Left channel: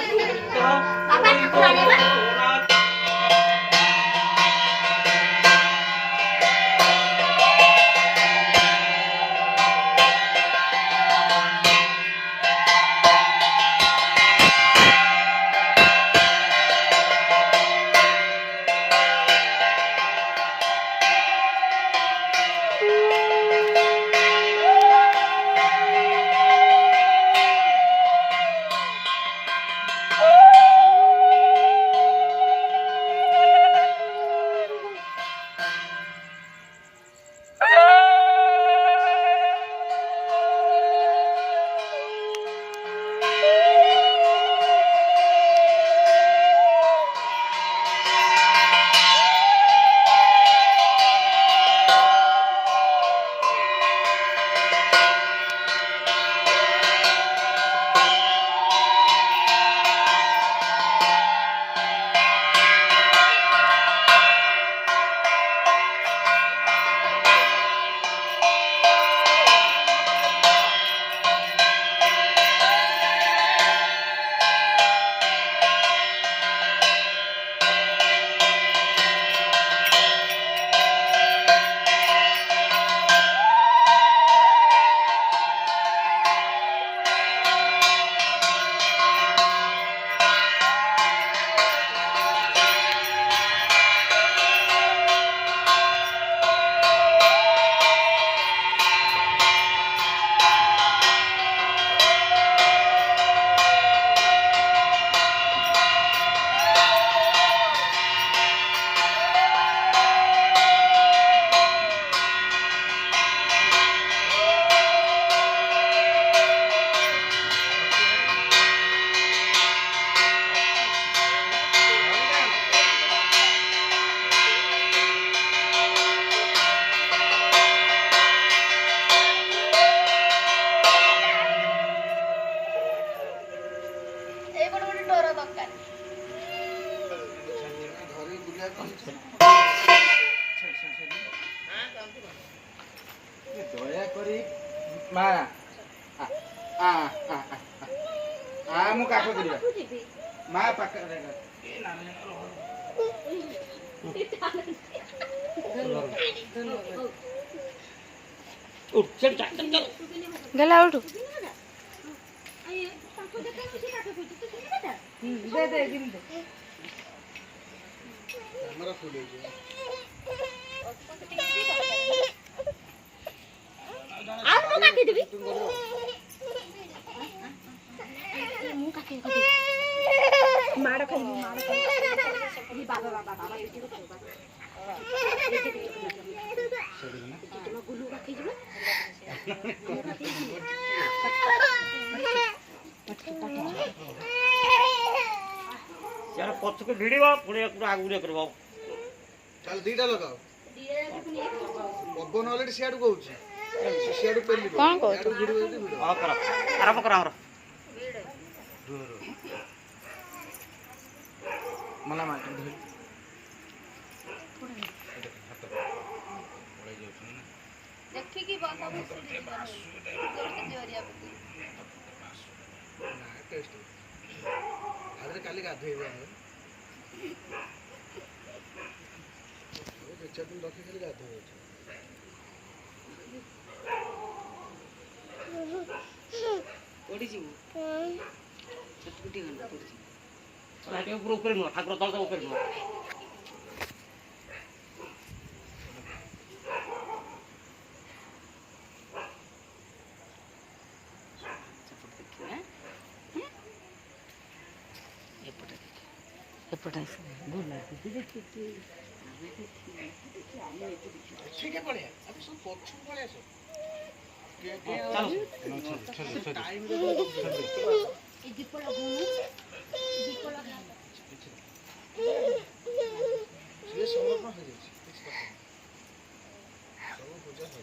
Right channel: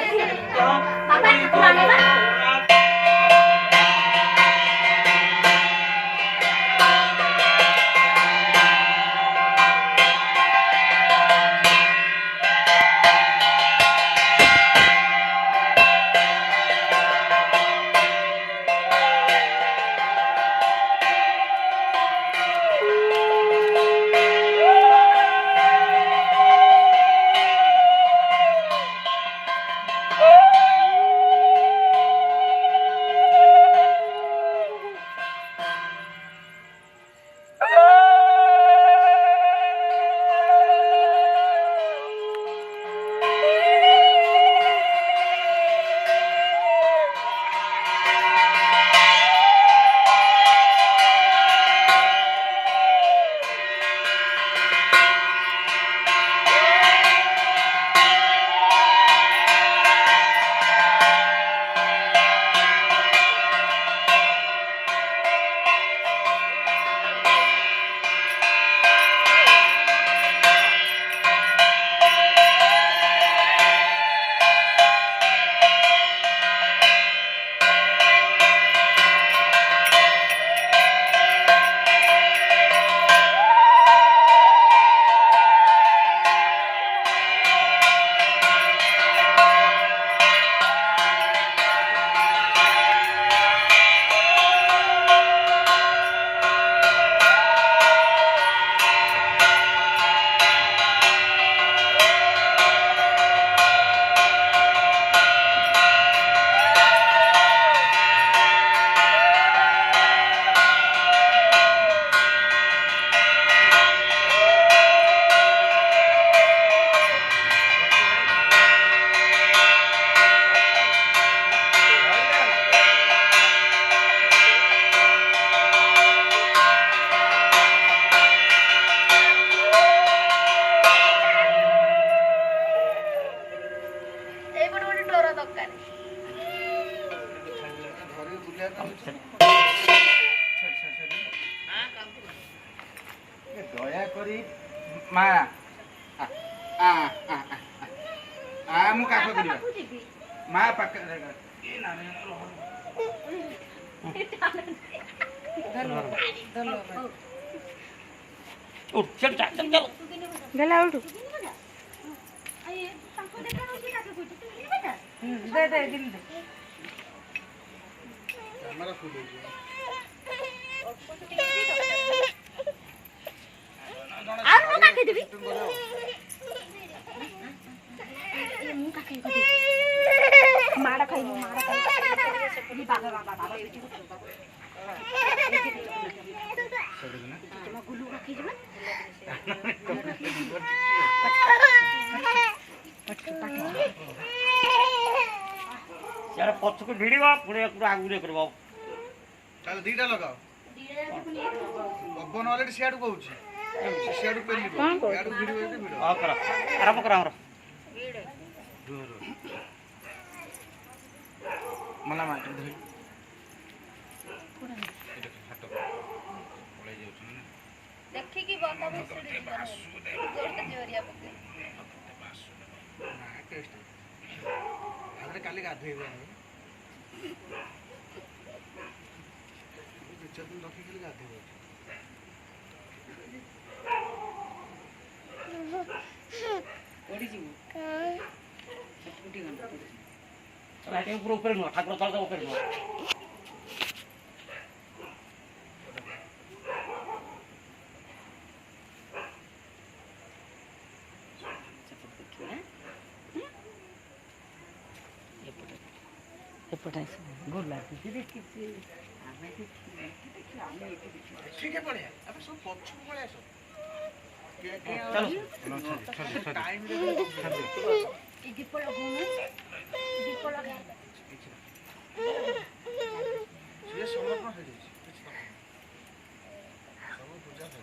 बाबा ठाकुराणी बा दया करी मा मु काख करिबा मा पाक ए ना उठ चल चल चल गला उठ दे दे दिन दे हमरा फूल ଆଉ ମୁଁ କାଟି ଦେବି ମୁଁ କାଟି ଦେବି ମାଡ ଖାଇବି ବାବା ବାବା ବାବା ଏଇଠି ତମ ଗୁଲୁ ରଖି ଯିବା यार पक्ष को भिड़वा पुणे पूरा आगु रे करबो चल दीटा लगाओ बब्बन ऑलरेडी सियाडू कहूची सियाडू पेली कौन कहू वीडियो वीडियो आ कर आरंभ कर हमर मला माटी धे देखि की बाबा भोसड़ी गोरते जोरिया पके ना टेस्ट आदरे काली गाधेबे है चटनी रखी के गाधेबे ओडी जी छटपुटी गंडा पड़ी लाटे ऊपर न ठाकुर तल ऊपर न एपटा गोला देखि ठीक है पड़े अब सब पक्ष को पड़े सो टाइम এই দীপ লাগানো দীপ লাগাই ये समर्पण हो जाए सब पूजा है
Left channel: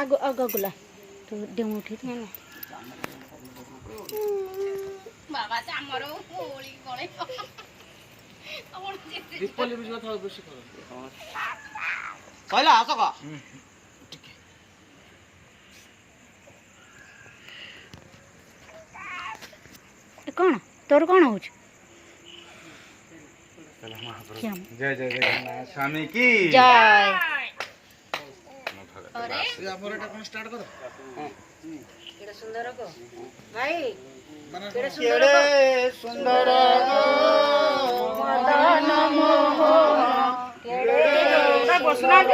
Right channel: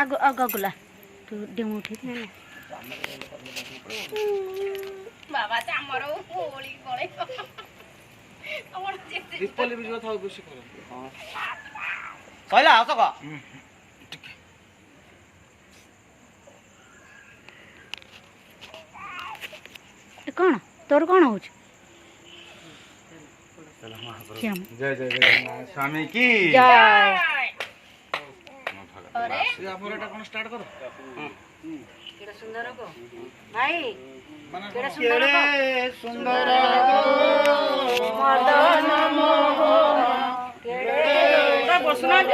आगो आगो गुला तो डेमो उठी ना बाबा चामर होली गळे ଦୀପଲି ବି ଯିବା ଥାଉ ବେଶୀ କର କହିଲା ଆସ କ କ'ଣ ତୋର କ'ଣ ହଉଛି? जय जय जगन्नाथ स्वामी की ଜୟ। ଆମର ଏଟା କ'ଣ ଷ୍ଟାର୍ଟ କର କେଡ଼େ ସୁନ୍ଦର କହ ଭାଇ ମାନେ କେଡ଼େ सुंदर ସୁନ୍ଦର ମଦନ ମୋହନ କେଡ଼େ ବସୁନାହାନ୍ତି।